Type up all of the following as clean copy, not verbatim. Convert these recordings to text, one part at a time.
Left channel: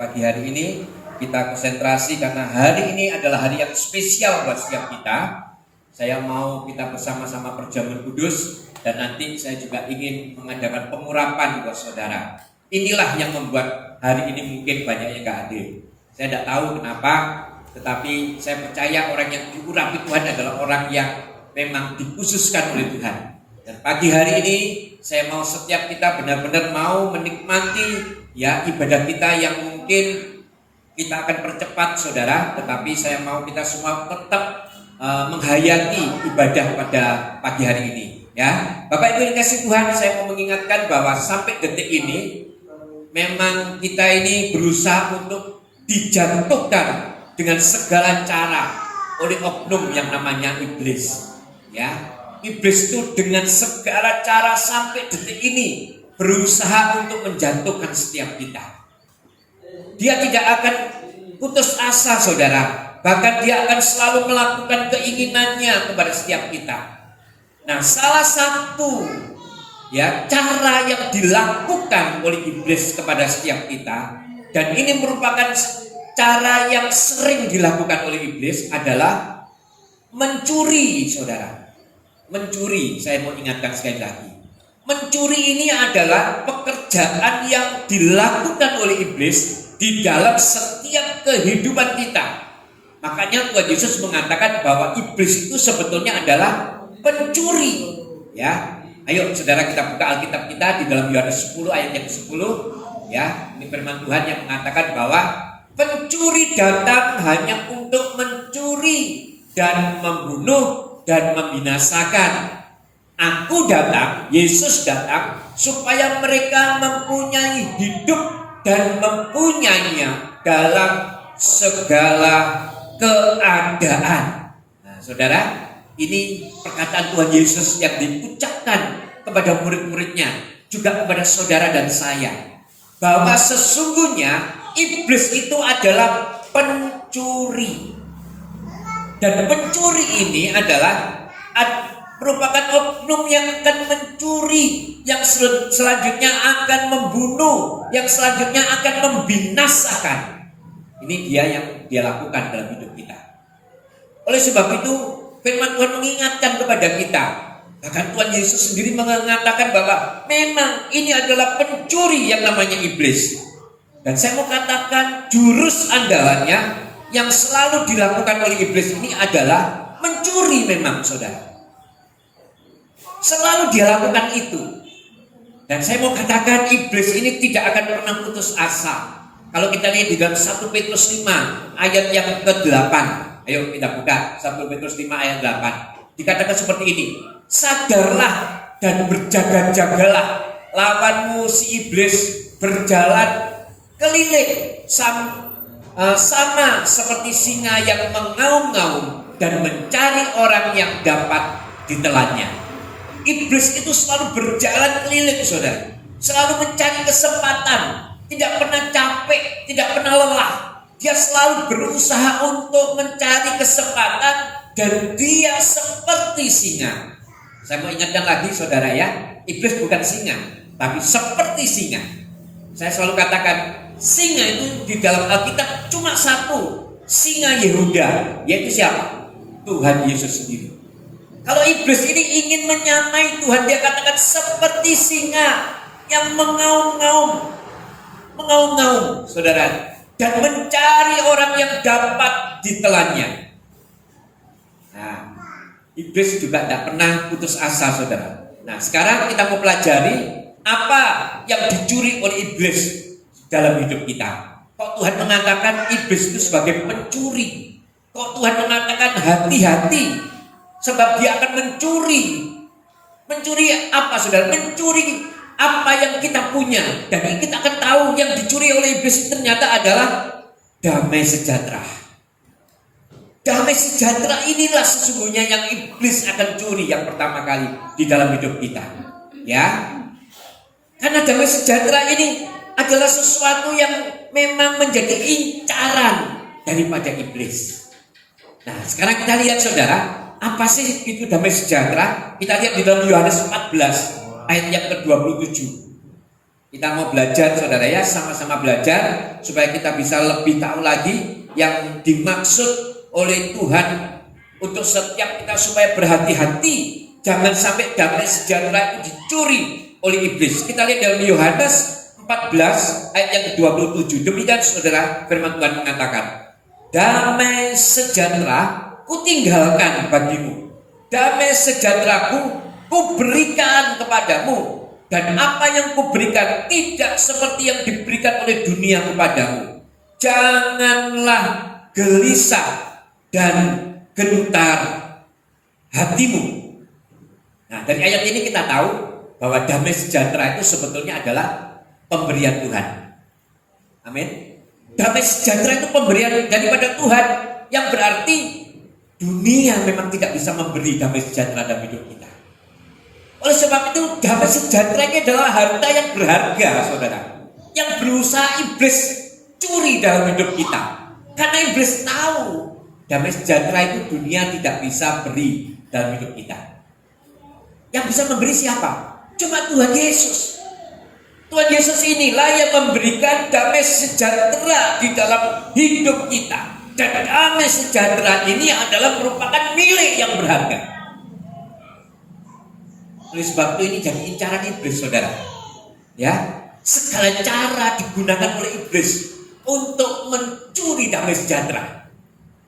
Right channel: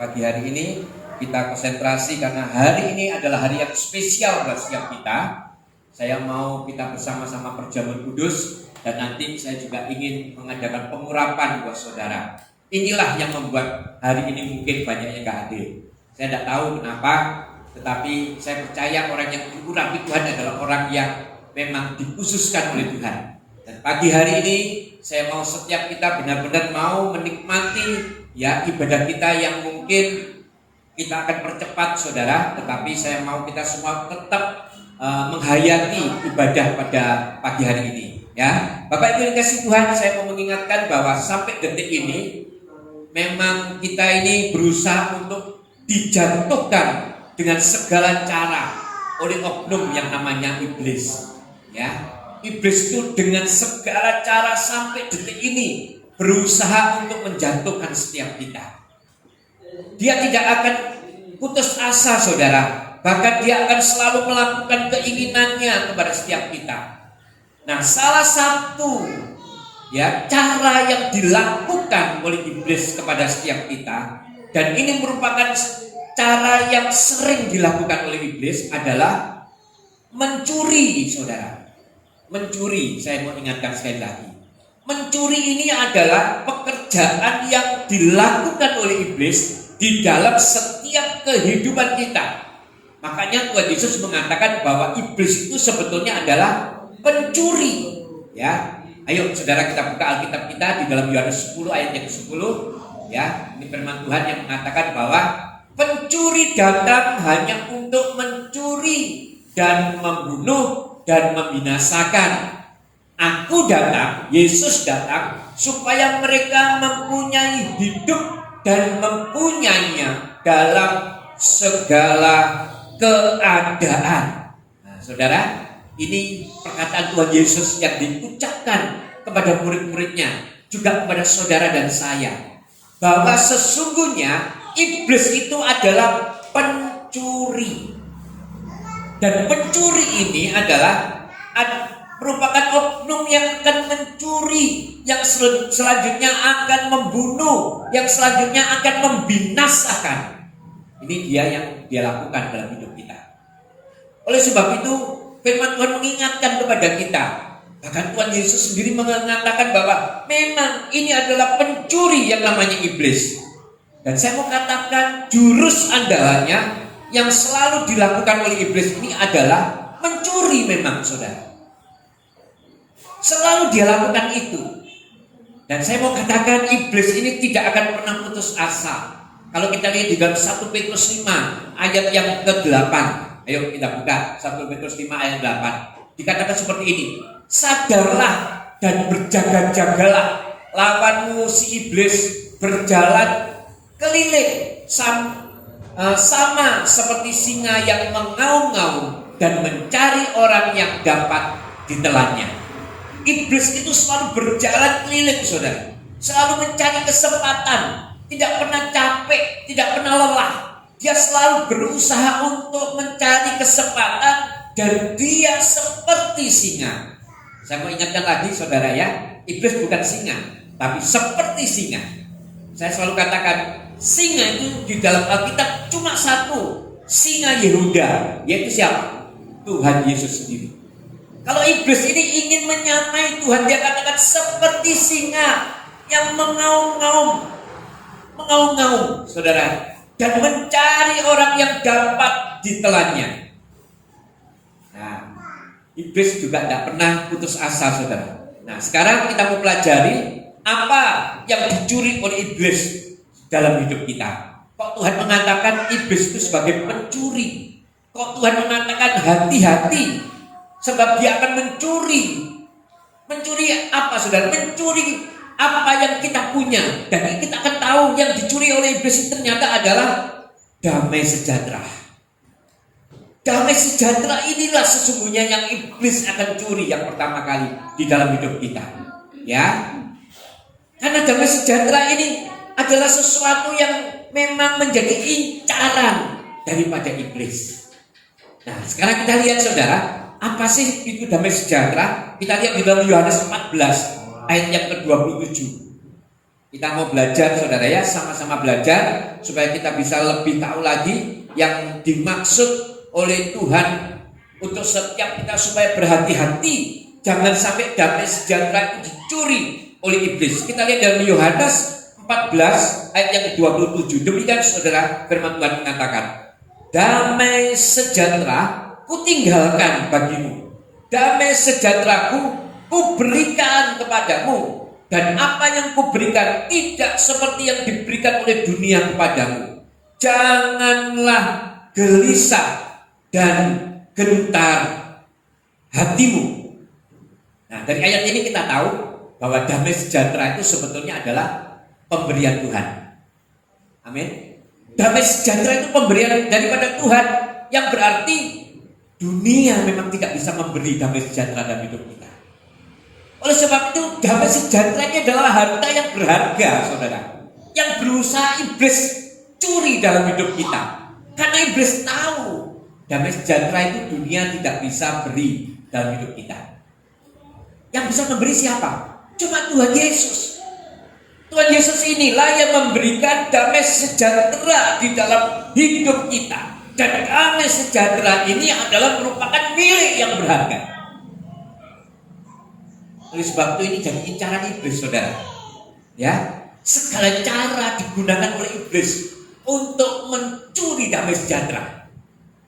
Pagi hari ini kita konsentrasi karena hari ini adalah hari yang spesial buat setiap kita. Saya mau kita bersama-sama perjamuan kudus dan nanti saya juga ingin mengadakan pengurapan buat saudara. Inilah yang membuat hari ini mungkin banyak yang gak hadir. Saya tidak tahu kenapa, tetapi saya percaya orang yang diurapi Tuhan adalah orang yang memang dikhususkan oleh Tuhan. Dan pagi hari ini saya mau setiap kita benar-benar mau menikmati ibadah kita yang mungkin kita akan percepat saudara, tetapi saya mau kita semua tetap menghayati ibadah pada pagi hari ini ya. Bapak Ibu dikasih Tuhan, saya mau mengingatkan bahwa sampai detik ini memang kita ini berusaha untuk dijatuhkan dengan segala cara oleh oknum yang namanya iblis ya. Iblis itu dengan segala cara sampai detik ini berusaha untuk menjatuhkan setiap kita. Dia tidak akan putus asa saudara. Bahkan dia akan selalu melakukan keinginannya kepada setiap kita. Nah, salah satu cara yang dilakukan oleh iblis kepada setiap kita, dan ini merupakan cara yang sering dilakukan oleh iblis adalah mencuri saudara. Mencuri, saya mau ingatkan sekali lagi. Mencuri ini adalah pekerjaan yang dilakukan oleh iblis di dalam setiap kehidupan kita. Makanya Tuhan Yesus mengatakan bahwa iblis itu sebetulnya adalah pencuri. Ya, ayo saudara kita buka Alkitab kita di dalam Yohanes 10 ayat yang 10. Ya, ini firman Tuhan yang mengatakan bahwa pencuri datang hanya untuk mencuri dan membunuh dan membinasakan. Aku datang, Yesus datang supaya mereka mempunyai hidup dan mempunyainya dalam segala keadaan. Nah, saudara, ini perkataan Tuhan Yesus yang diucapkan kepada murid-muridnya, juga kepada saudara dan saya, bahwa sesungguhnya iblis itu adalah pencuri. Dan pencuri ini adalah merupakan oknum yang akan mencuri, yang selanjutnya akan membunuh, yang selanjutnya akan membinasakan. Ini dia yang dia lakukan dalam hidup kita. Oleh sebab itu firman Tuhan mengingatkan kepada kita. Bahkan Tuhan Yesus sendiri mengatakan bahwa memang ini adalah pencuri yang namanya iblis. Dan saya mau katakan jurus andalannya yang selalu dilakukan oleh iblis ini adalah mencuri memang saudara. Selalu dia lakukan itu. Dan saya mau katakan iblis ini tidak akan pernah putus asa. Kalau kita lihat di dalam 1 Petrus 5 ayat yang ke-8. Ayo kita buka 1 Petrus 5 ayat 8. Dikatakan seperti ini. Sadarlah dan berjaga-jagalah, lawanmu si iblis berjalan keliling sama seperti singa yang mengaum-ngaum dan mencari orang yang dapat ditelannya. Iblis itu selalu berjalan keliling saudara, selalu mencari kesempatan, tidak pernah capek, tidak pernah lelah. Dia selalu berusaha untuk mencari kesempatan dan dia seperti singa. Saya mau ingatkan lagi saudara ya, iblis bukan singa, tapi seperti singa. Saya selalu katakan singa itu di dalam Alkitab cuma satu, singa Yehuda, yaitu siapa? Tuhan Yesus sendiri. Kalau iblis ini ingin menyamai Tuhan, dia katakan seperti singa yang mengaum-ngaum, saudara, dan mencari orang yang dapat ditelannya. Nah, iblis juga tidak pernah putus asa, saudara. Nah, sekarang kita mau pelajari apa yang dicuri oleh iblis dalam hidup kita. Kok Tuhan mengatakan iblis itu sebagai pencuri? Kok Tuhan mengatakan hati-hati? Sebab dia akan mencuri. Mencuri apa saudara? Mencuri apa yang kita punya. Dan kita akan tahu yang dicuri oleh iblis itu ternyata adalah damai sejahtera. Damai sejahtera inilah sesungguhnya yang iblis akan curi yang pertama kali di dalam hidup kita. Ya. Karena damai sejahtera ini adalah sesuatu yang memang menjadi incaran daripada iblis. Nah, sekarang kita lihat saudara, apa sih itu damai sejahtera? Kita lihat di dalam Yohanes 14 ayat yang ke-27. Kita mau belajar saudara ya, sama-sama belajar supaya kita bisa lebih tahu lagi yang dimaksud oleh Tuhan untuk setiap kita supaya berhati-hati. Jangan sampai damai sejahtera itu dicuri oleh iblis. Kita lihat dalam Yohanes 14 ayat yang ke-27. Demikian saudara, firman Tuhan mengatakan, damai sejahtera kutinggalkan bagimu, damai sejahteraku kuberikan kepadamu. Dan apa yang kuberikan tidak seperti yang diberikan oleh dunia kepadamu. Janganlah gelisah dan gentar hatimu. Nah, dari ayat ini kita tahu bahwa damai sejahtera itu sebetulnya adalah pemberian Tuhan. Amin. Damai sejahtera itu pemberian daripada Tuhan, yang berarti dunia memang tidak bisa memberi damai sejahtera dalam hidup kita. Oleh sebab itu damai sejahtera ini adalah harta yang berharga, saudara, yang berusaha iblis curi dalam hidup kita. Karena iblis tahu damai sejahtera itu dunia tidak bisa beri dalam hidup kita. Yang bisa memberi siapa? Cuma Tuhan Yesus. Tuhan Yesus inilah yang memberikan damai sejahtera di dalam hidup kita. Dan damai sejahtera ini adalah merupakan milik yang berharga. Oleh sebab itu ini jadi incaran iblis, saudara. Ya, segala cara digunakan oleh iblis untuk mencuri damai sejahtera.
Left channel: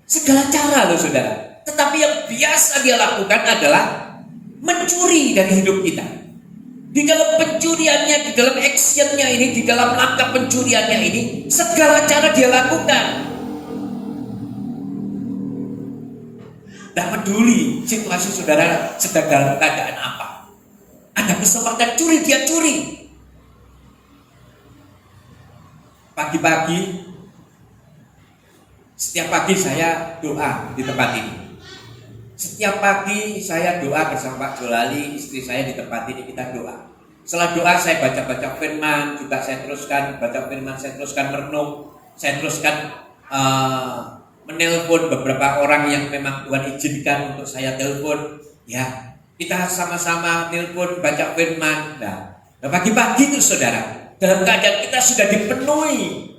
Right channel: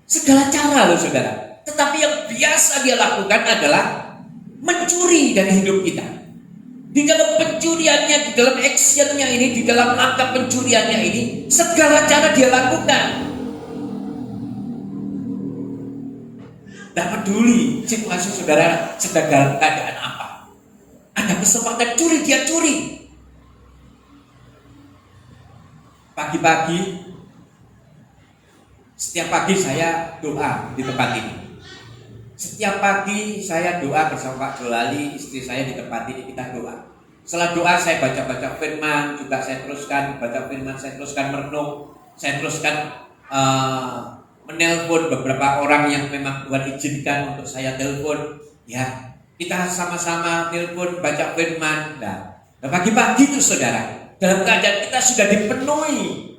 Segala cara loh, saudara. Tetapi yang biasa dia lakukan adalah mencuri dari hidup kita. Di dalam pencuriannya, di dalam actionnya ini, di dalam langkah pencuriannya ini, segala cara dia lakukan. Tidak peduli situasi saudara sedang dalam keadaan apa. Ada kesempatan curi, dia curi. Pagi-pagi, setiap pagi saya doa di tempat ini. Setiap pagi saya doa bersama Pak Jolali, istri saya di tempat ini, kita doa. Setelah doa saya baca-baca firman, juga saya teruskan baca firman, saya teruskan merenung, saya teruskan menelpon beberapa orang yang memang Tuhan izinkan untuk saya telepon. Ya, kita sama-sama telepon, baca firman. Nah, pagi-pagi itu saudara, dalam keadaan kita sudah dipenuhi,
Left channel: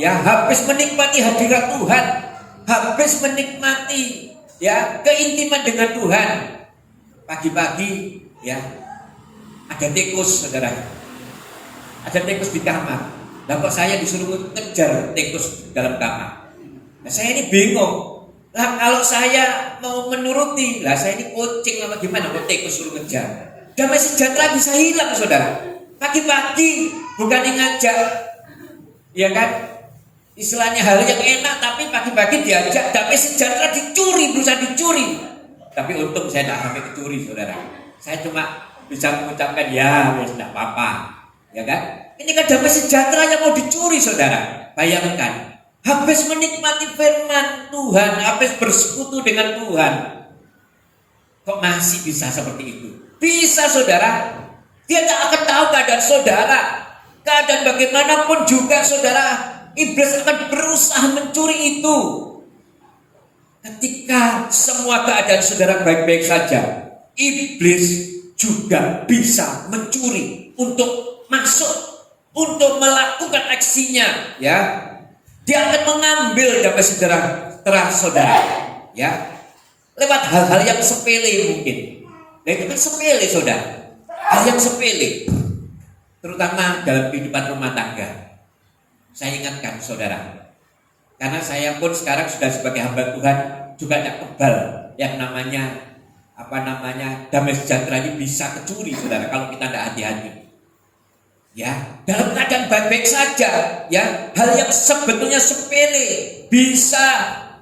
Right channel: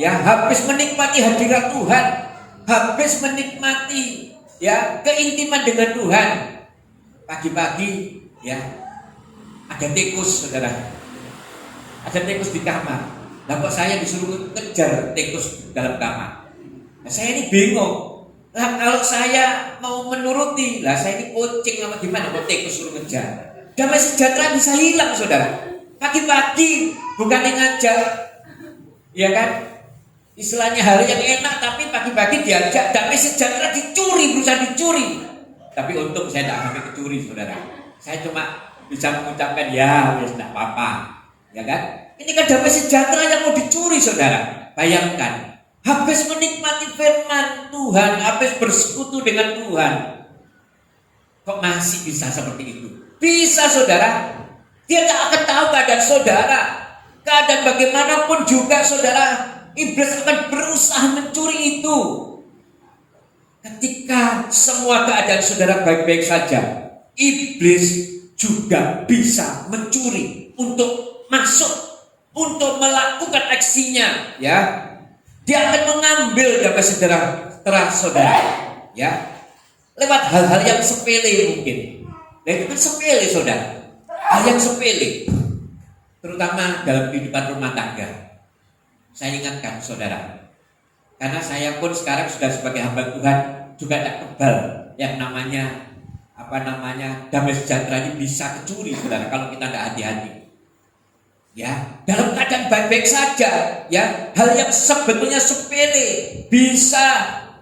ya, habis menikmati hadirat Tuhan, habis menikmati, ya, keintiman dengan Tuhan. Pagi-pagi, ya, ada tikus, saudara, ada tikus di kamar. Lalu saya disuruh kejar tikus dalam kamar. Nah, saya ini bingung. Lah kalau saya mau menuruti, lah saya ini kucing apa gimana, mau tikus suruh kejar. Damai sejahtera bisa hilang, saudara. Pagi-pagi bukan ngajak, ya kan? Istilahnya hal yang enak, tapi pagi-pagi diajak damai sejahtera dicuri, berusaha dicuri. Tapi untung saya tidak sampai kecuri, saudara. Saya cuma bisa mengucapkan ya, tidak apa-apa, ya kan? Ini kan damai sejahtera yang mau dicuri, saudara. Bayangkan. Habis menikmati firman Tuhan, habis bersekutu dengan Tuhan, kok masih bisa seperti itu? Bisa, saudara. Dia tak akan tahu keadaan saudara. Keadaan bagaimanapun juga, saudara, iblis akan berusaha mencuri itu. Ketika semua keadaan saudara baik-baik saja, iblis juga bisa mencuri untuk masuk, untuk melakukan aksinya, ya. Dia akan mengambil damai sejahtera saudara, ya, lewat hal-hal yang sepele mungkin. Nah, itu kan sepele, saudara, hal yang sepele, terutama dalam kehidupan rumah tangga. Saya ingatkan saudara, karena saya pun sekarang sudah sebagai hamba Tuhan juga tidak kebal yang namanya damai sejahtera ini bisa kecuri, saudara, kalau kita tidak hati-hati. Ya, dalam keadaan baik-baik saja, ya, hal yang sebetulnya sepele bisa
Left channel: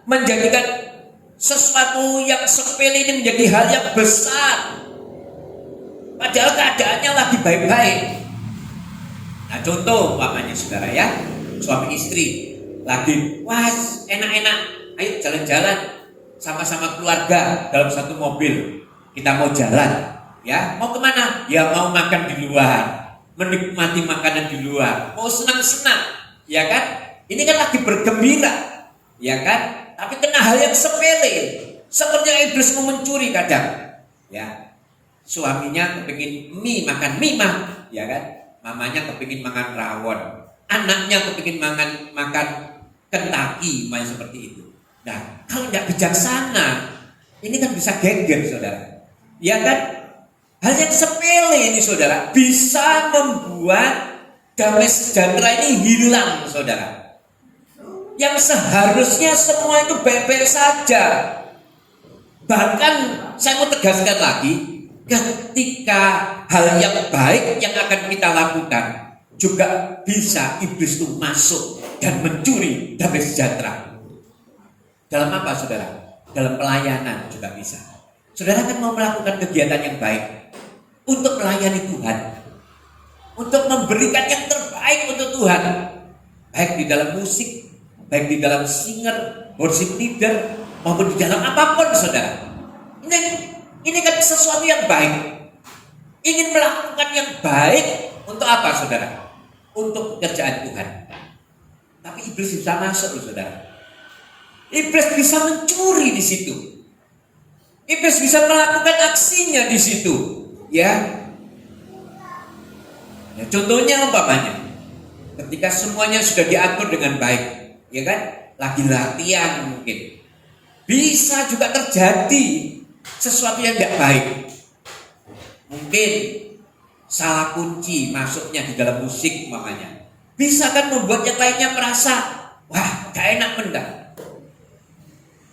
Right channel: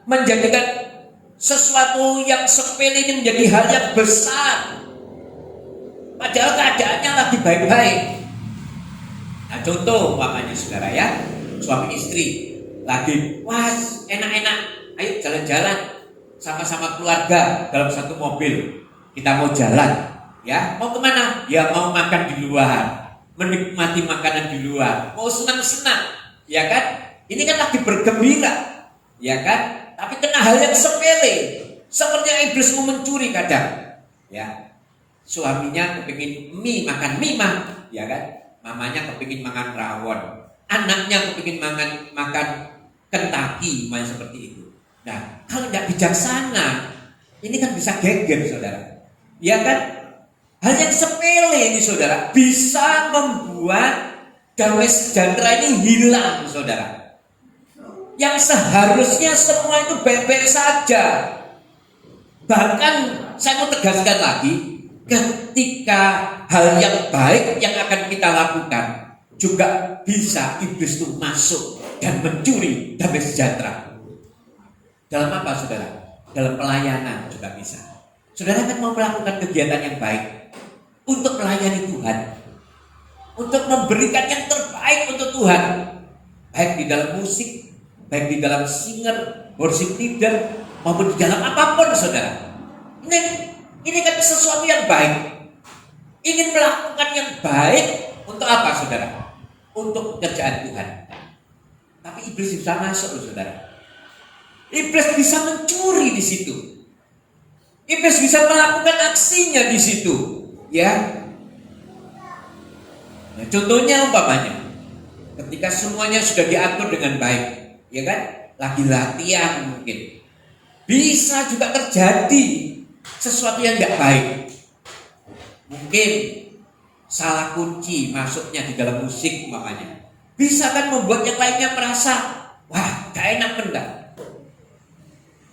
menjadikan sesuatu yang sepele ini menjadi hal yang besar. Padahal keadaannya lagi baik-baik. Nah, contoh umpamanya saudara, ya, suami istri lagi enak-enak, ayo jalan-jalan sama-sama keluarga dalam satu mobil. Kita mau jalan, ya, mau kemana? Ya mau makan di luar, menikmati makanan di luar, mau senang-senang, ya kan? Ini kan lagi bergembira, ya kan? Tapi kena hal yang sepele, seperti iblis mau mencuri kadang, ya. Suaminya kepingin makan mie mah, ya kan? mamanya kepingin makan rawon, anaknya kepingin makan Kentucky, seperti itu. Nah, kalau tidak bijaksana, ini kan bisa geger, saudara. Ya kan? Hal yang sepele ini, saudara, bisa membuat damai sejahtera ini hilang, saudara. Yang seharusnya semua itu baik-baik saja. Bahkan saya mau tegaskan lagi, ketika hal yang baik yang akan kita lakukan, juga bisa iblis itu masuk dan mencuri damai sejahtera. Dalam apa, saudara? Dalam pelayanan juga bisa. Saudara kan mau melakukan kegiatan yang baik untuk melayani Tuhan, untuk memberikan yang terbaik untuk Tuhan, baik di dalam musik, baik di dalam singer, worship leader, maupun di dalam apapun, saudara. Ini kan sesuatu yang baik. Ingin melakukan yang baik untuk apa, saudara? Untuk pekerjaan Tuhan. Tapi iblis bisa masuk, saudara. Iblis bisa mencuri di situ. Iblis bisa melakukan aksinya di situ, ya. Nah, contohnya umpamanya, ketika semuanya sudah diatur dengan baik, ya kan? Lagi latihan mungkin, bisa juga terjadi sesuatu yang tidak baik. Mungkin salah kunci masuknya di dalam musik umpamanya, bisa kan membuat yang lainnya merasa, wah, gak enak mendak.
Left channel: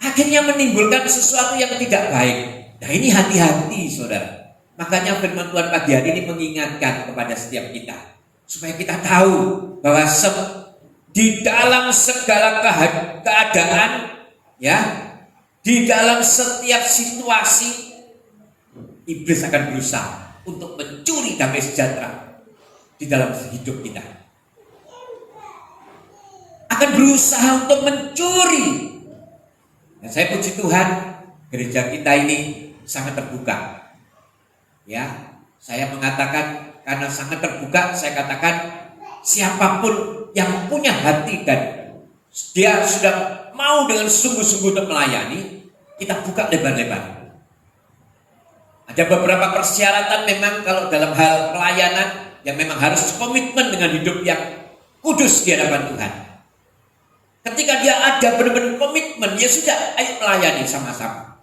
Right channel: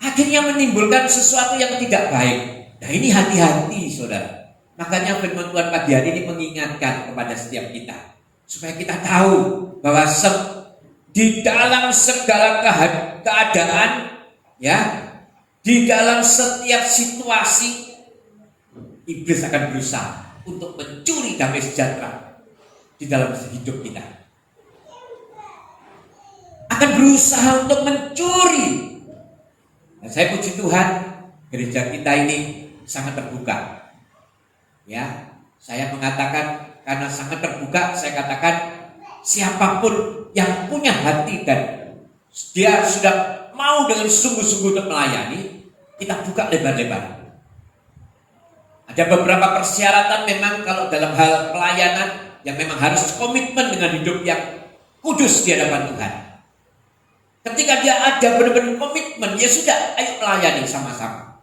Akhirnya menimbulkan sesuatu yang tidak baik. Nah, ini hati-hati, saudara. Makanya firman Tuhan pagi hari ini mengingatkan kepada setiap kita, supaya kita tahu bahwa di dalam segala keadaan, ya, di dalam setiap situasi, iblis akan berusaha untuk mencuri damai sejahtera di dalam hidup kita. Akan berusaha untuk mencuri. Dan saya puji Tuhan, gereja kita ini sangat terbuka. Ya, saya mengatakan karena sangat terbuka, saya katakan siapapun yang punya hati dan dia sudah mau dengan sungguh-sungguh untuk melayani, kita buka lebar-lebar. Ada beberapa persyaratan memang kalau dalam hal pelayanan yang memang harus komitmen dengan hidup yang kudus di hadapan Tuhan. Ketika dia ada benar-benar komitmen, ya sudah, ayo melayani sama-sama.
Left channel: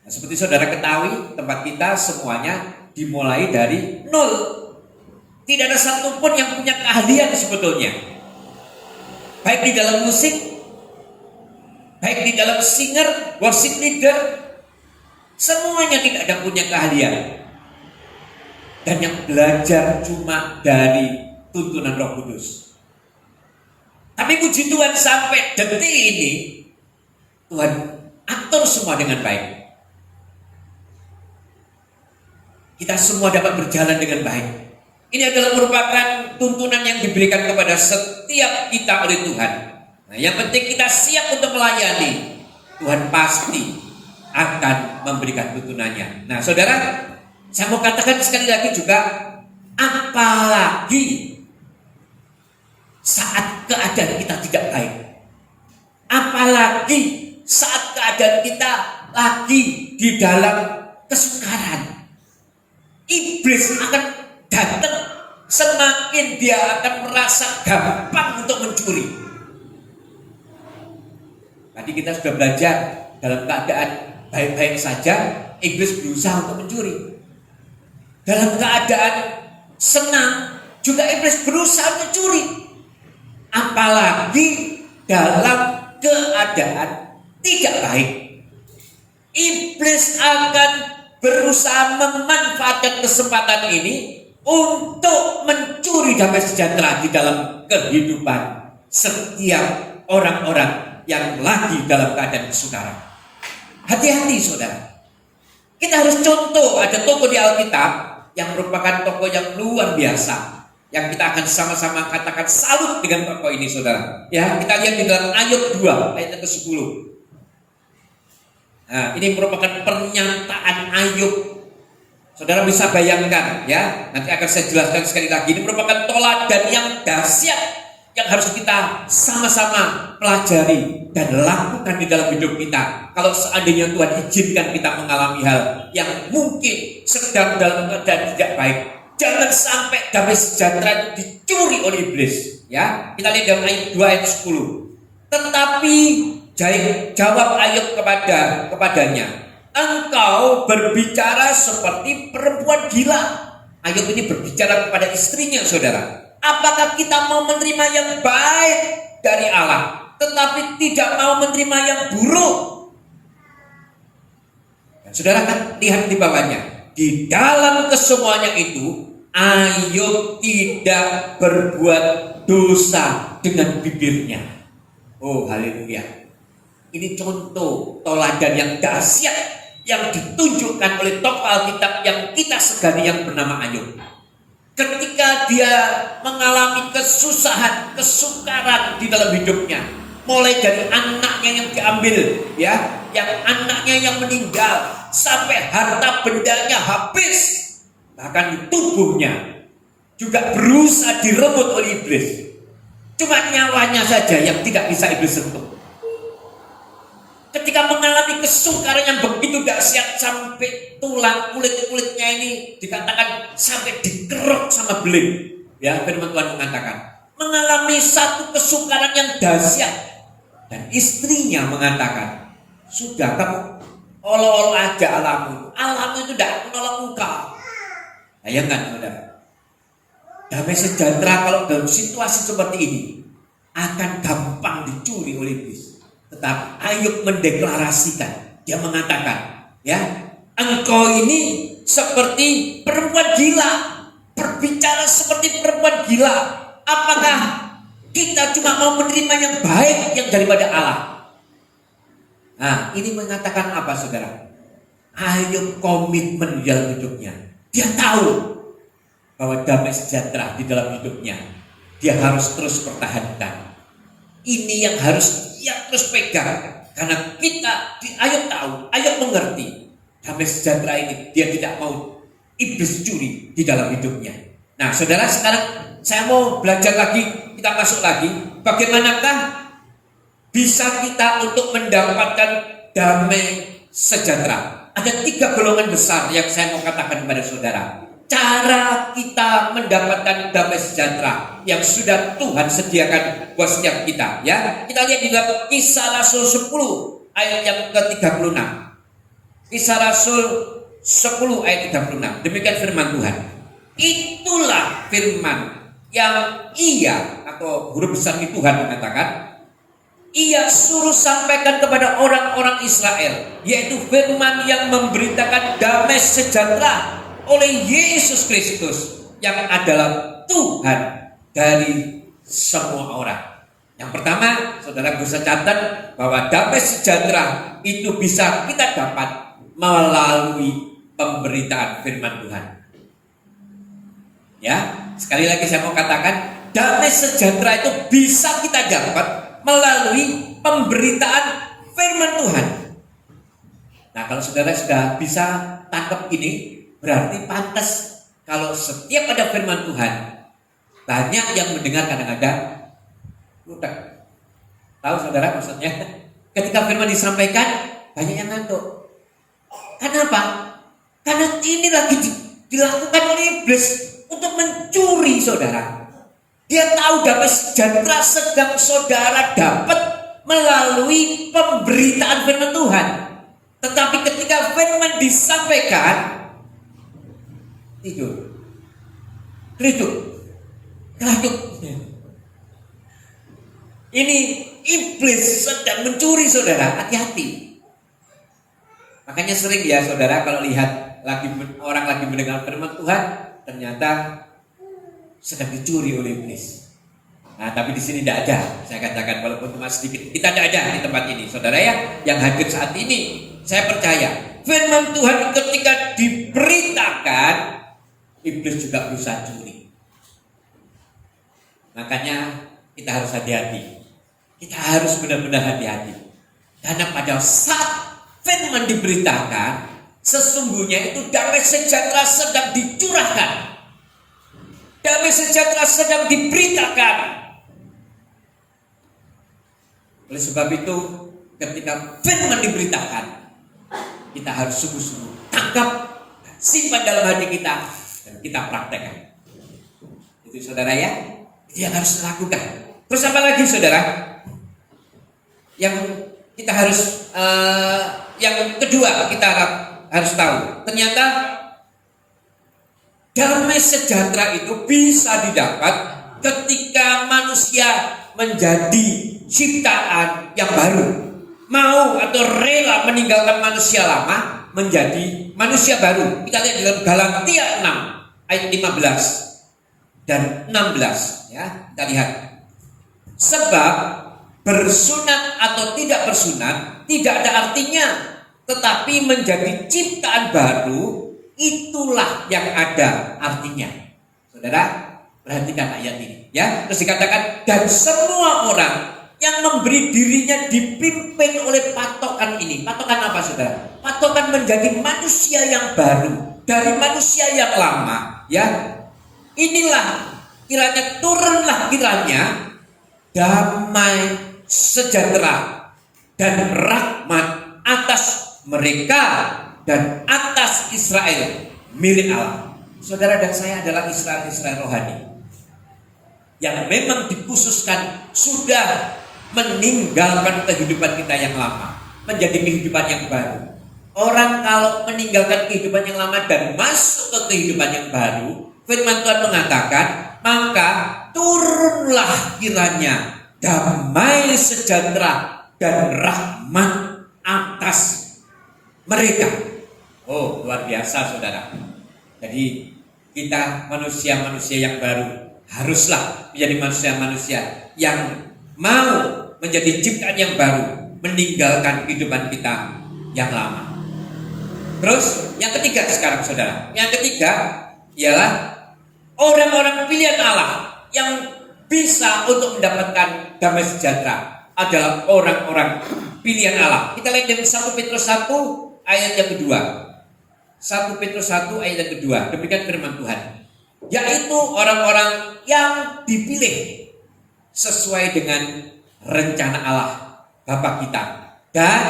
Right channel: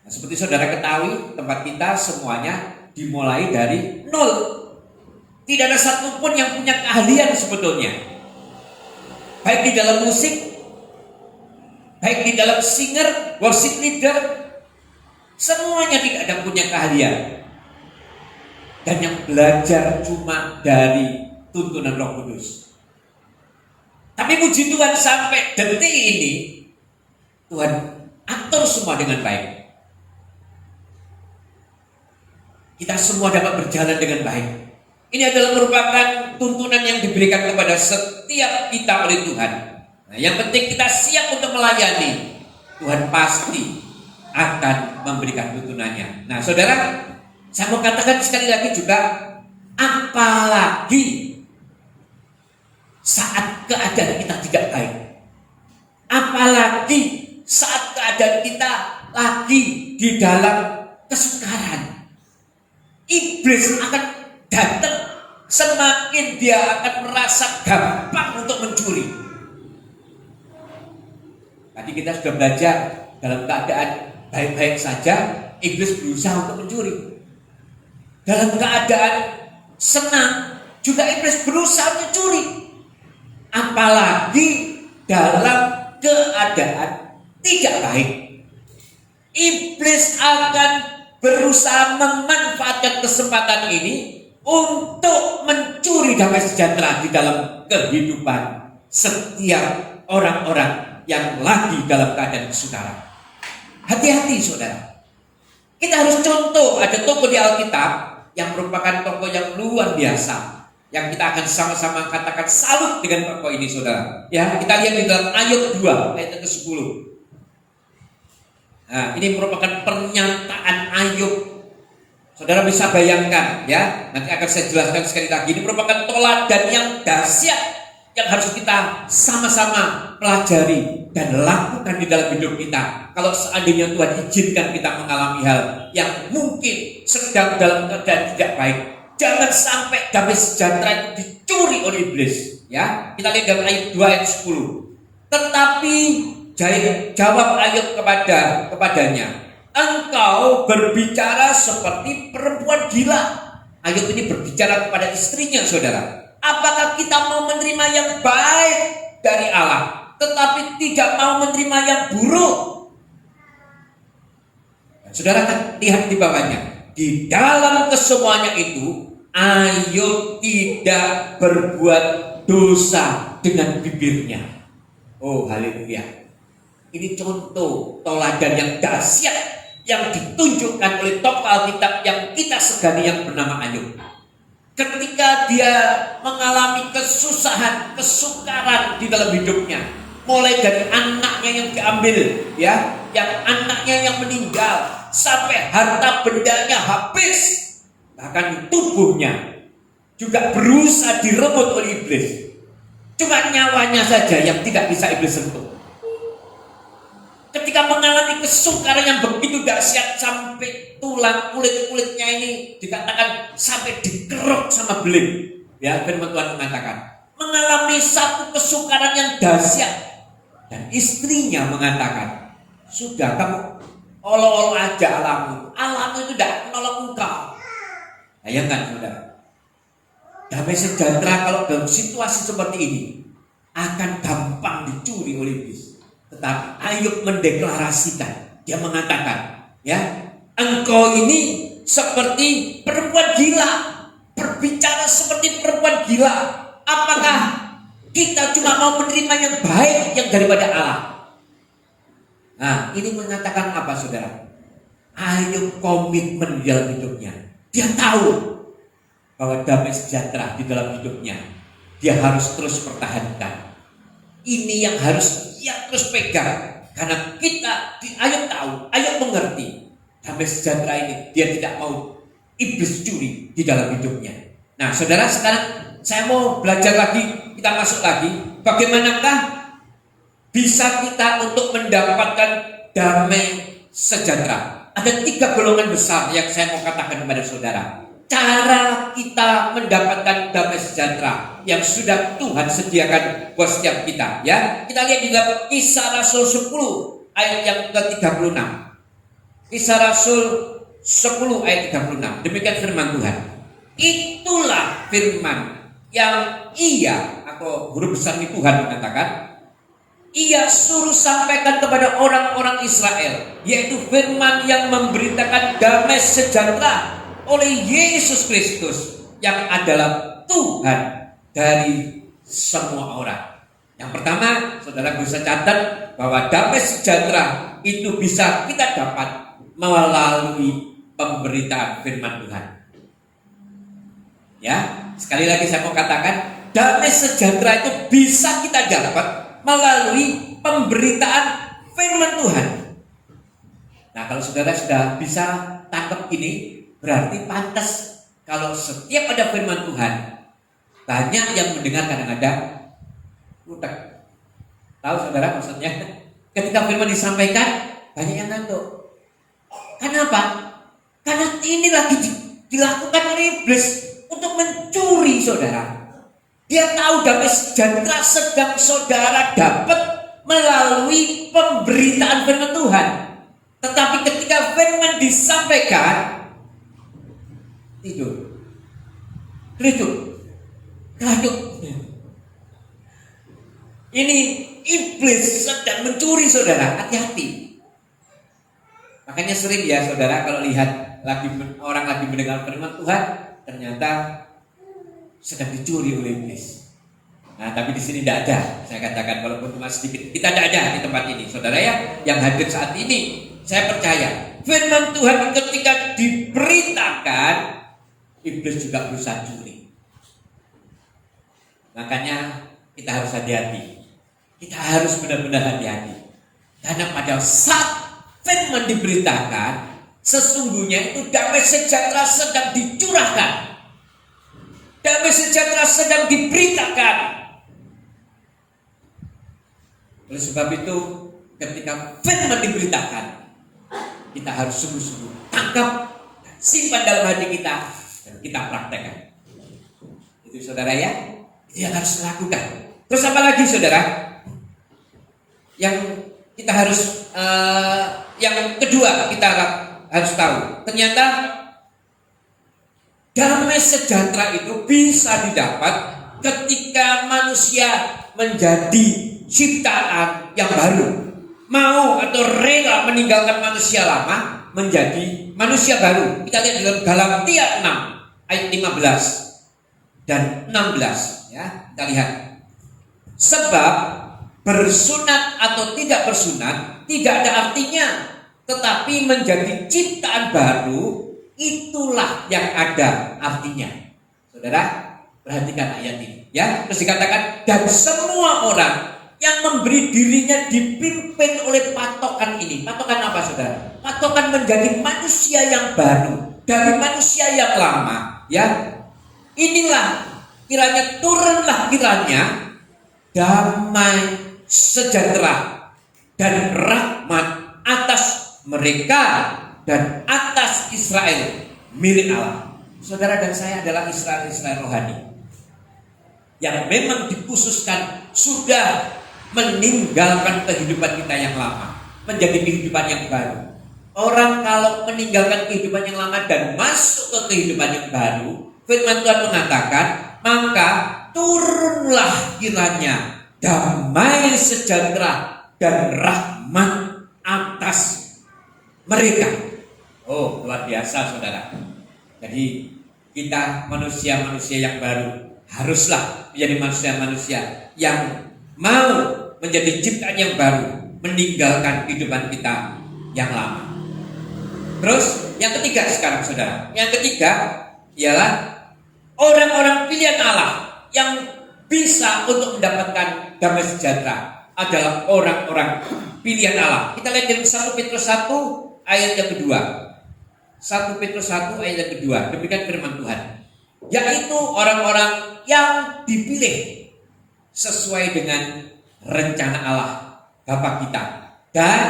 Nah, seperti saudara ketahui, tempat kita semuanya dimulai dari nol. Tidak ada satupun yang punya keahlian sebetulnya. Baik di dalam musik, baik di dalam singer, worship leader, semuanya tidak ada punya keahlian. Dan yang belajar cuma dari tuntunan Roh Kudus. Tapi puji Tuhan sampai detik ini Tuhan atur semua dengan baik. Kita semua dapat berjalan dengan baik. Ini adalah merupakan tuntunan yang diberikan kepada setiap kita oleh Tuhan. Nah, yang penting kita siap untuk melayani. Tuhan pasti akan memberikan tuntunannya. Nah, saudara, saya mau katakan sekali lagi juga, apalagi saat keadaan kita tidak baik, apalagi saat keadaan kita lagi di dalam kesukaran, iblis akan datang. Semakin dia akan merasa gampang untuk mencuri. Tadi kita sudah belajar, dalam keadaan baik-baik saja iblis berusaha untuk mencuri. Dalam keadaan senang juga iblis berusaha mencuri. Apalagi dalam keadaan tidak baik, iblis akan berusaha memanfaatkan kesempatan ini untuk mencuri damai sejahtera di dalam kehidupan setiap orang-orang yang lagi dalam keadaan kesukaran. Hati-hati, saudara. Kita harus contoh, ada tokoh di Alkitab yang merupakan tokoh yang luar biasa, yang kita akan sama-sama katakan salut dengan tokoh ini, saudara. Ya, kita lihat di dalam Ayub 2 ayat ke-10. Nah, ini merupakan pernyataan Ayub. Saudara bisa bayangkan, ya. Nanti akan saya jelaskan sekali lagi. Ini merupakan teladan yang dahsyat yang harus kita sama-sama pelajari dan lakukan di dalam hidup kita. Kalau seandainya Tuhan izinkan kita mengalami hal yang mungkin sedang dalam keadaan tidak baik, Jangan sampai damai sejahtera itu dicuri oleh iblis. Ya, kita lihat dalam ayat 2 ayat 10. Tetapi jawab Ayub kepadanya, engkau berbicara seperti perempuan gila. Ayub ini berbicara kepada istrinya, saudara. Apakah kita mau menerima yang baik dari Allah, tetapi tidak mau menerima yang buruk? Dan saudara kan lihat di bawahnya. Di dalam kesemuanya itu, Ayub tidak berbuat dosa dengan bibirnya. Oh, haleluya. Ini contoh teladan yang dahsyat yang ditunjukkan oleh tokoh Alkitab yang kita segani yang bernama Ayub. Ketika dia mengalami kesusahan, kesukaran di dalam hidupnya, mulai dari anaknya yang diambil, ya, yang anaknya yang meninggal, sampai harta bendanya habis, bahkan tubuhnya juga berusaha direbut oleh iblis. Cuma nyawanya saja yang tidak bisa iblis sentuh. Ketika mengalami kesukaran yang begitu dahsyat sampai tulang kulit-kulitnya ini dikatakan sampai dikerok sama beling. Ya, firman Tuhan mengatakan mengalami satu kesukaran yang dahsyat dan istrinya mengatakan, sudah kamu olo-olo aja alammu itu tidak menolong engkau. Bayangkan saudara, damai sejahtera kalau dalam situasi seperti ini akan gampang dicuri oleh iblis. Tetapi Ayub mendeklarasikan, dia mengatakan, ya, engkau ini seperti perempuan gila, berbicara seperti perempuan gila. Apakah kita cuma mau menerima yang baik yang daripada Allah? Nah, ini mengatakan apa, saudara? Ayub komitmen di dalam hidupnya. Dia tahu bahwa damai sejahtera di dalam hidupnya dia harus terus pertahankan. Ini yang harus dia terus pegang. Karena kita di Ayub tahu, Ayub mengerti damai sejahtera ini dia tidak mau iblis curi di dalam hidupnya. Nah, saudara, sekarang saya mau belajar lagi, kita masuk lagi. Bagaimanakah bisa kita untuk mendapatkan damai sejahtera? Ada 3 golongan besar yang saya mau katakan kepada saudara. Cara kita mendapatkan damai sejahtera yang sudah Tuhan sediakan buat setiap kita, ya. Kita lihat di dalam Kisah Rasul 10 ayat yang ke-36. Kisah Rasul 10 ayat 36. Demikian firman Tuhan. Itulah firman yang atau huruf besar ini Tuhan mengatakan, ia suruh sampaikan kepada orang-orang Israel, yaitu firman yang memberitakan damai sejahtera oleh Yesus Kristus yang adalah Tuhan dari semua orang. Yang pertama, saudara bisa catat bahwa damai sejahtera itu bisa kita dapat melalui pemberitaan firman Tuhan. Ya, sekali lagi saya mau katakan, damai sejahtera itu bisa kita dapat melalui pemberitaan firman Tuhan. Nah, kalau saudara sudah bisa tangkap ini, berarti pantas kalau setiap ada firman Tuhan, banyak yang mendengar kadang-kadang lupa. Tahu saudara maksudnya? Ketika firman disampaikan, banyak yang ngantuk. Kenapa? Karena ini lagi dilakukan oleh iblis untuk mencuri saudara. Dia tahu damai sejahtera sedang saudara dapat melalui pemberitaan firman Tuhan. Tetapi ketika firman disampaikan, tidur, keladuk. Ini iblis sedang mencuri saudara, hati-hati. Makanya sering ya saudara kalau lihat orang lagi mendengar firman Tuhan, ternyata sedang dicuri oleh iblis. Nah, tapi di sini tidak ada. Saya katakan walaupun cuma sedikit, kita tidak ada di tempat ini, saudara ya, yang hadir saat ini. Saya percaya firman Tuhan ketika diberitakan, iblis juga berusaha curi. Makanya kita harus hati-hati. Kita harus benar-benar hati-hati. Karena pada saat firman diberitakan, sesungguhnya itu damai sejahtera sedang dicurahkan. Damai sejahtera sedang diberitakan. Oleh sebab itu, ketika firman diberitakan, kita harus sungguh-sungguh tangkap, simpan dalam hati kita, dan kita praktekkan. Itu saudara ya, itu yang harus lakukan. Terus apa lagi saudara? Yang kita harus yang kedua kita harus tahu, ternyata damai sejahtera itu bisa didapat ketika manusia menjadi ciptaan yang baru, mau atau rela meninggalkan manusia lama menjadi manusia baru. Kita lihat dalam Galatia 6 ayat 15 dan 16 ya, kita lihat. Sebab bersunat atau tidak bersunat tidak ada artinya, tetapi menjadi ciptaan baru itulah yang ada artinya. Saudara, perhatikan ayat ini ya. Terus dikatakan, dan semua orang yang memberi dirinya dipimpin oleh patokan ini. Patokan apa saudara? Patokan menjadi manusia yang baru dari manusia yang lama ya. Inilah kiranya turunlah kiranya damai sejahtera dan rahmat atas mereka dan atas Israel milik Allah. Saudara dan saya adalah Israel rohani yang memang dikhususkan sudah meninggalkan kehidupan kita yang lama menjadi kehidupan yang baru. Orang kalau meninggalkan kehidupan yang lama dan masuk ke kehidupan yang baru, firman Tuhan mengatakan, maka turunlah kiranya damai sejahtera dan rahmat atas mereka. Oh, luar biasa saudara. Jadi kita manusia-manusia yang baru haruslah menjadi manusia-manusia yang mau menjadi ciptaan yang baru, meninggalkan kehidupan kita yang lama. Terus yang ketiga sekarang saudara, yang ketiga ialah orang-orang pilihan Allah yang bisa untuk mendapatkan damai sejahtera adalah orang-orang pilihan Allah. Kita lihat dari 1 Petrus 1 ayat yang kedua. 1 Petrus 1 ayat yang kedua. Demikian firman Tuhan. Yaitu orang-orang yang dipilih sesuai dengan rencana Allah Bapa kita dan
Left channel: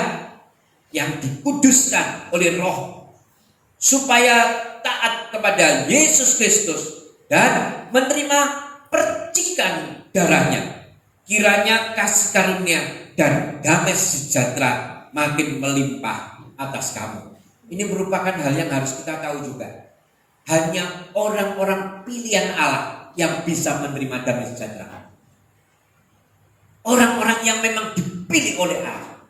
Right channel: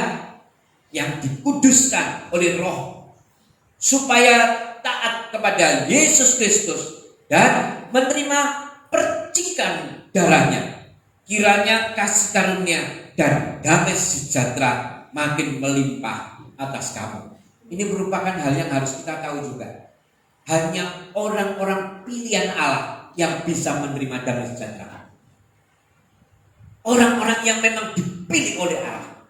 yang dikuduskan oleh Roh supaya taat kepada Yesus Kristus dan menerima percikan darahnya. Kiranya kasih karunia dan damai sejahtera makin melimpah atas kamu. Ini merupakan hal yang harus kita tahu juga. Hanya orang-orang pilihan Allah yang bisa menerima damai sejahtera. Orang-orang yang memang dipilih oleh Allah.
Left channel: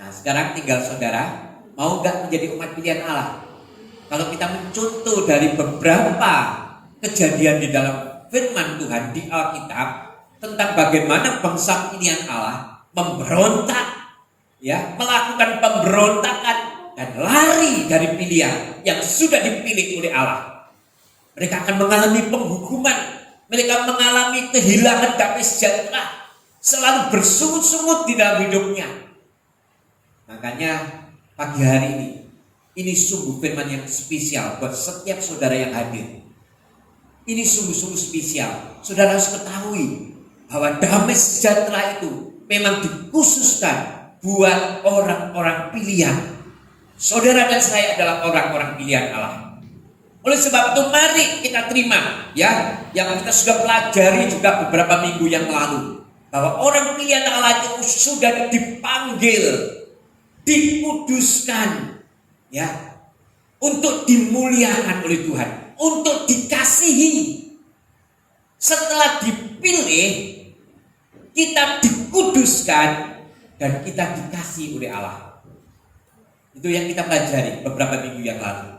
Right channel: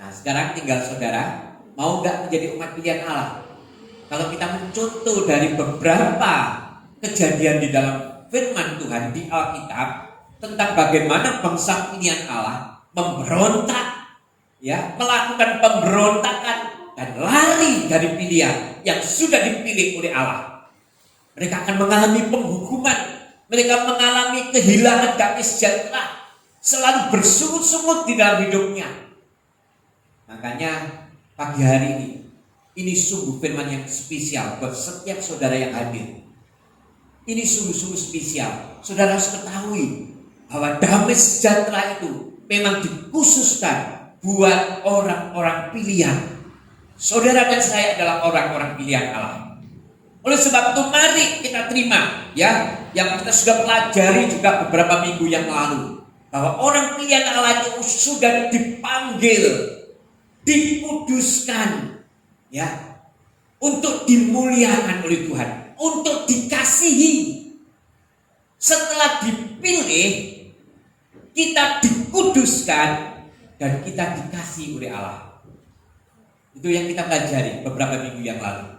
Nah sekarang tinggal saudara, mau gak menjadi umat pilihan Allah? Kalau kita mencontoh dari beberapa kejadian di dalam firman Tuhan di Alkitab tentang bagaimana bangsa pilihan Allah memberontak, ya, melakukan pemberontakan dan lari dari pilihan yang sudah dipilih oleh Allah. Mereka akan mengalami penghukuman, mereka mengalami kehilangan damai sejahtera, selalu bersungut-sungut di dalam hidupnya. Makanya pagi hari ini sungguh firman yang spesial buat setiap saudara yang hadir. Ini sungguh-sungguh spesial. Saudara harus ketahui bahwa damai sejahtera itu memang dikhususkan buat orang-orang pilihan. Saudara dan saya adalah orang-orang pilihan Allah. Oleh sebab itu mari kita terima ya, yang kita sudah pelajari juga beberapa minggu yang lalu, bahwa orang pilihan Allah itu sudah dipanggil, dikuduskan ya, untuk dimuliakan oleh Tuhan, untuk dikasihi. Setelah dipilih, kita dikuduskan dan kita dikasihi oleh Allah. Itu yang kita pelajari beberapa minggu yang lalu.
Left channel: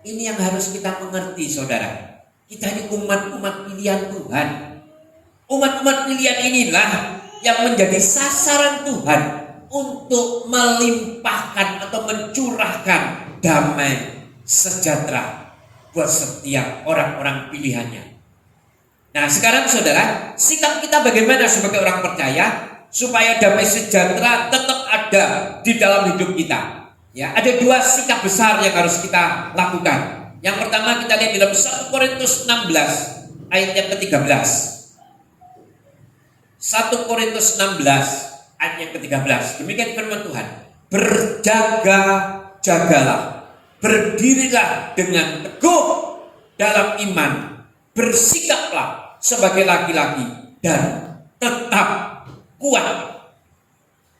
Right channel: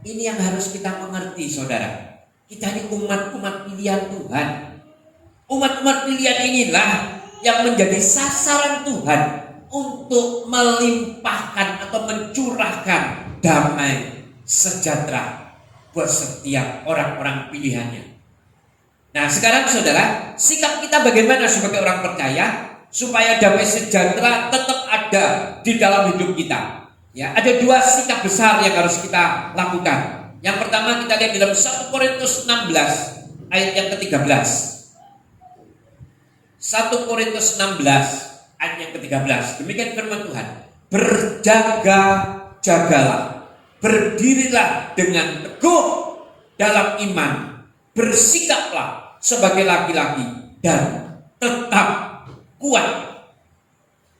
Ini yang harus kita mengerti saudara. Kita ini umat-umat pilihan Tuhan. Umat-umat pilihan inilah yang menjadi sasaran Tuhan untuk melimpahkan atau mencurahkan damai sejahtera buat setiap orang-orang pilihannya. Nah sekarang saudara, sikap kita bagaimana sebagai orang percaya supaya damai sejahtera tetap ada di dalam hidup kita? Ya, ada dua sikap besar yang harus kita lakukan. Yang pertama kita lihat dalam 1 Korintus 16 ayat yang ke-13. 1 Korintus 16 ayat yang ke-13. Demikian firman Tuhan. Berjaga-jagalah, berdirilah dengan teguh dalam iman, bersikaplah sebagai laki-laki dan tetap kuat.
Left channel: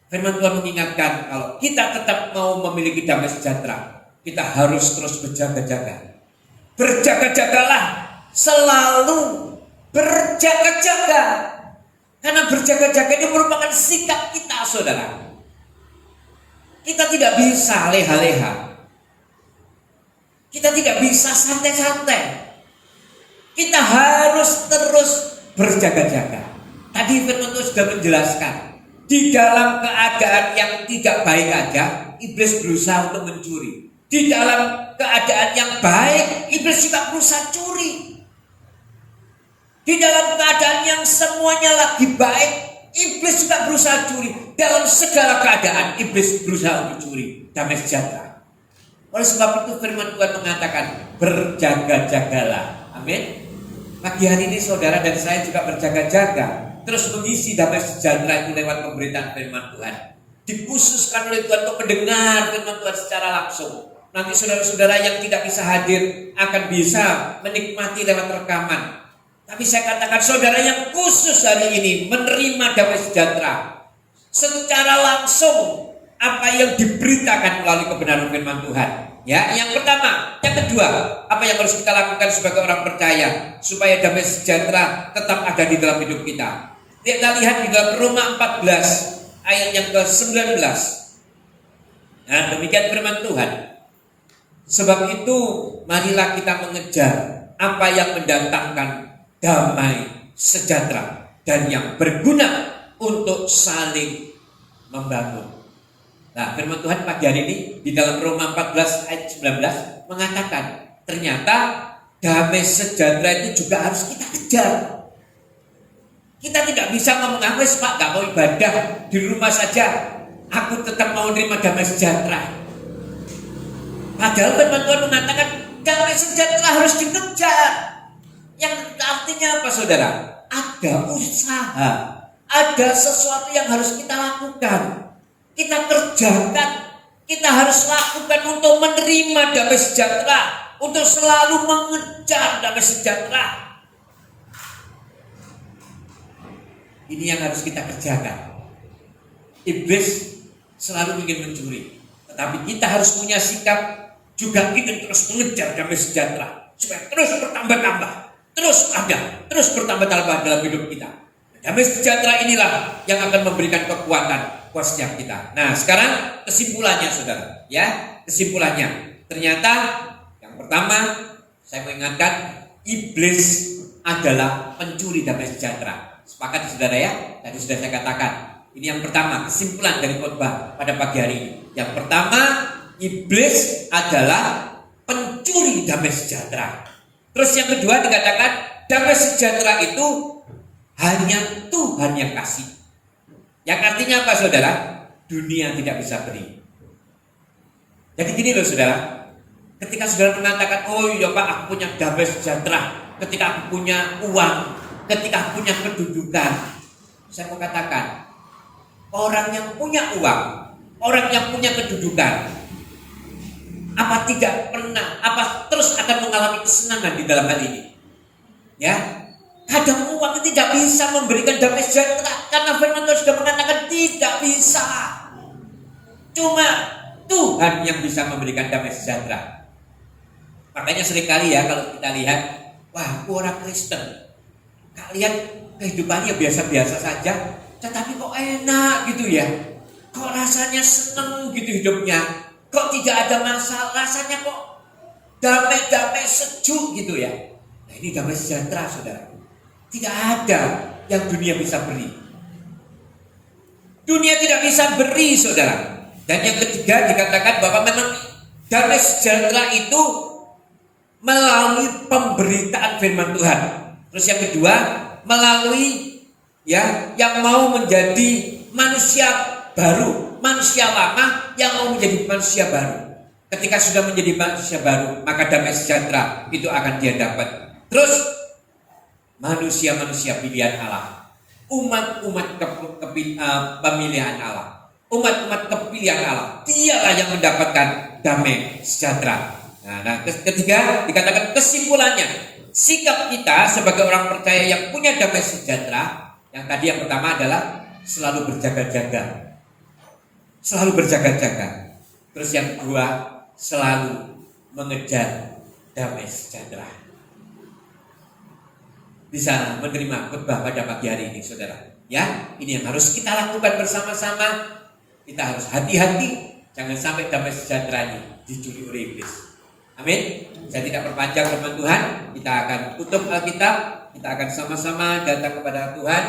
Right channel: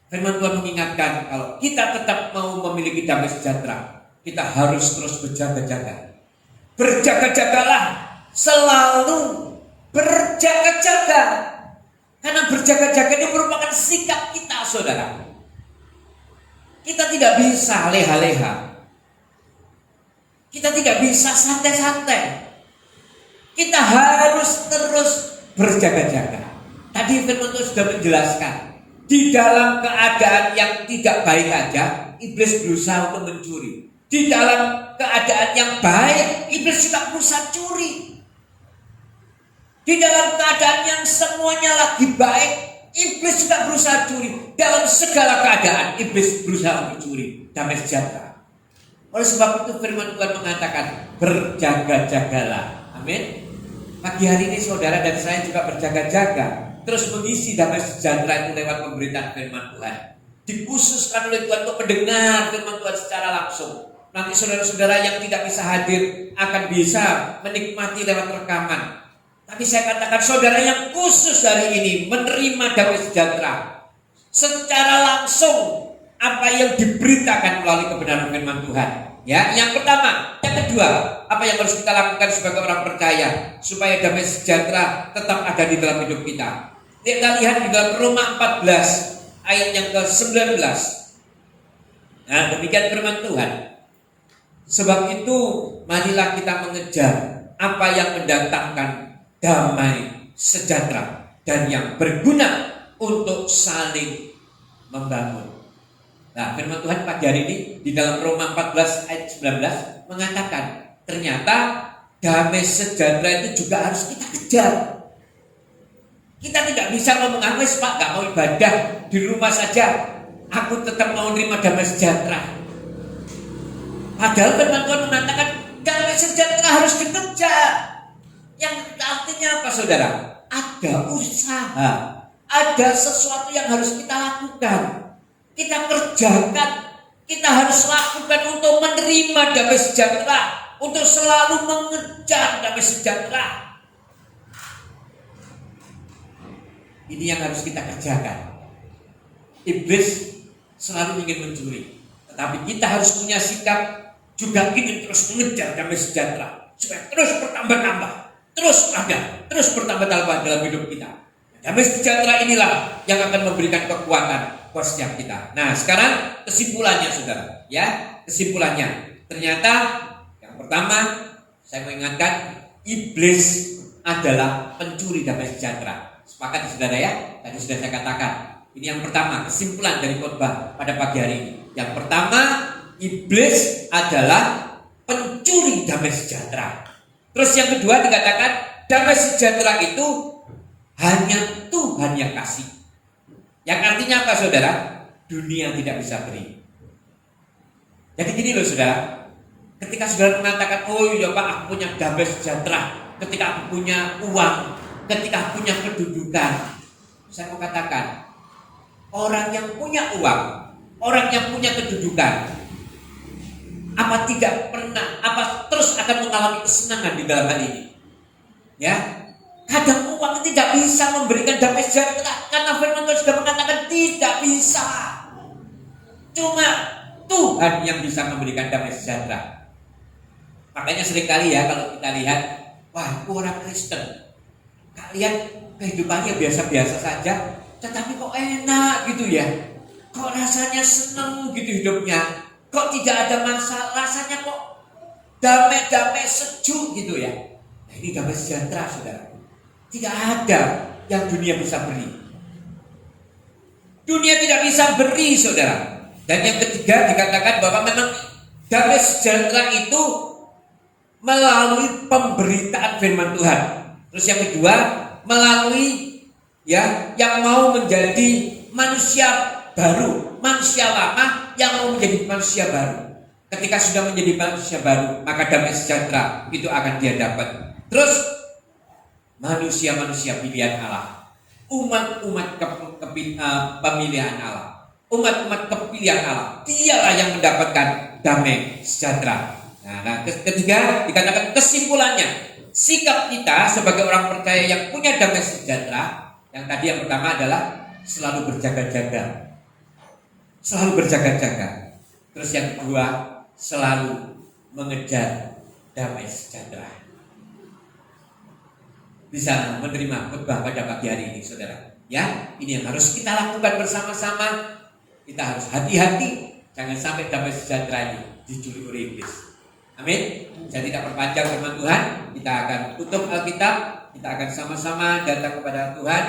Firman Tuhan mengingatkan kalau kita tetap mau memiliki damai sejahtera, kita harus terus berjaga-jaga. Berjaga-jagalah, selalu berjaga-jaga. Karena berjaga-jaga ini merupakan sikap kita, saudara. Kita tidak bisa leha-leha. Kita tidak bisa santai-santai. Kita harus terus berjaga-jaga. Tadi firman Tuhan sudah menjelaskan, di dalam keadaan yang tidak baik aja, iblis berusaha untuk mencuri. Di dalam keadaan yang baik, iblis juga berusaha curi. Di dalam keadaan yang semuanya lagi baik, iblis juga berusaha curi. Dalam segala keadaan, iblis berusaha untuk curi damai sejahtera. Oleh sebab itu firman Tuhan mengatakan, berjaga-jagalah. Amin. Pagi hari ini saudara dan saya juga berjaga-jaga, terus mengisi damai sejahtera itu lewat pemberitaan firman Tuhan. Dikhususkan oleh Tuhan untuk mendengar firman Tuhan secara langsung. Nanti saudara-saudara yang tidak bisa hadir akan bisa menikmati lewat rekaman. Tapi saya katakan saudara yang khusus hari ini menerima damai sejahtera secara langsung, apa yang diberitakan melalui kebenaran firman Tuhan. Ya, yang pertama, yang kedua, apa yang harus kita lakukan sebagai orang percaya supaya damai sejahtera tetap ada di dalam hidup kita. Kita lihat di dalam Roma 14 ayat yang ke-19. Nah, demikian firman Tuhan. Sebab itu marilah kita mengejar apa yang mendatangkan damai sejahtera dan yang berguna untuk saling membangun. Nah, firman Tuhan pagi hari ini di dalam Roma 14 ayat 19 mengatakan ternyata damai sejahtera itu juga harus kita kejar. Kita tidak bisa ngomong, Pak, gak mau ibadah di rumah saja, aku tetap mau menerima damai sejahtera. Padahal firman Tuhan mengatakan damai sejahtera harus dikejar. Yang artinya apa, saudara? Ada usaha, ada sesuatu yang harus kita lakukan. Kita kerjakan, kita harus lakukan untuk menerima damai sejahtera, untuk selalu mengejar damai sejahtera. Ini yang harus kita kerjakan. Iblis selalu ingin mencuri, tetapi kita harus punya sikap juga ingin terus mengejar damai sejahtera supaya terus bertambah-tambah, terus ada, terus bertambah-tambah dalam hidup kita. Damai sejahtera inilah yang akan memberikan kekuatan buat setiap kita. Nah, sekarang kesimpulannya, saudara. Ya, kesimpulannya. Ternyata yang pertama, saya mengingatkan, iblis adalah pencuri damai sejahtera. Sepakat, saudara ya? Tadi sudah saya katakan. Ini yang pertama, kesimpulan dari khotbah pada pagi hari ini. Yang pertama, iblis adalah pencuri damai sejahtera. Terus yang kedua dikatakan, damai sejahtera itu hanya Tuhan yang kasih. Yang artinya apa, saudara? Dunia tidak bisa beri. Jadi gini loh, saudara. Ketika saudara mengatakan, oh iya Pak, aku punya damai sejahtera, ketika aku punya uang, ketika aku punya kedudukan, saya mau katakan, orang yang punya uang, orang yang punya kedudukan, apa tidak pernah, apa terus akan mengalami kesenangan di dalam hal ini? Ya, kadang uang tidak bisa memberikan damai sejahtera, karena firman Tuhan sudah mengatakan tidak bisa. Cuma Tuhan yang bisa memberikan damai sejahtera. Makanya seringkali ya kalau kita lihat, wah, aku orang Kristen, kalian kehidupannya biasa-biasa saja, tetapi kok enak gitu ya, kok rasanya seneng gitu hidupnya, kok tidak ada masalah, rasanya kok damai-damai sejuk gitu ya. Nah, ini damai sejahtera, saudara. Tidak ada yang dunia bisa beri. Dunia tidak bisa beri, saudara. Dan yang ketiga dikatakan bahwa memang damai sejahtera itu melalui pemberitaan firman Tuhan. Terus yang kedua, melalui ya yang mau menjadi manusia baru, manusia lama yang mau menjadi manusia baru. Ketika sudah menjadi manusia baru, maka damai sejahtera itu akan dia dapat. Terus manusia-manusia pilihan Allah, umat-umat pemilihan Allah, umat-umat kepilihan Allah, dialah yang mendapatkan damai sejahtera. Nah, ketiga dikatakan kesimpulannya, sikap kita sebagai orang percaya yang punya damai sejahtera. Yang tadi yang pertama adalah selalu berjaga-jaga, selalu berjaga-jaga. Terus yang kedua, selalu mengejar damai sejahtera. Bisa menerima khotbah pada pagi hari ini, saudara. Ya, ini yang harus kita lakukan bersama-sama. Kita harus hati-hati, jangan sampai damai sejahtera ini dicuri oleh iblis. Amin. Saya tidak perpanjang firman Tuhan. Kita akan tutup Alkitab. Kita akan sama-sama datang kepada Tuhan.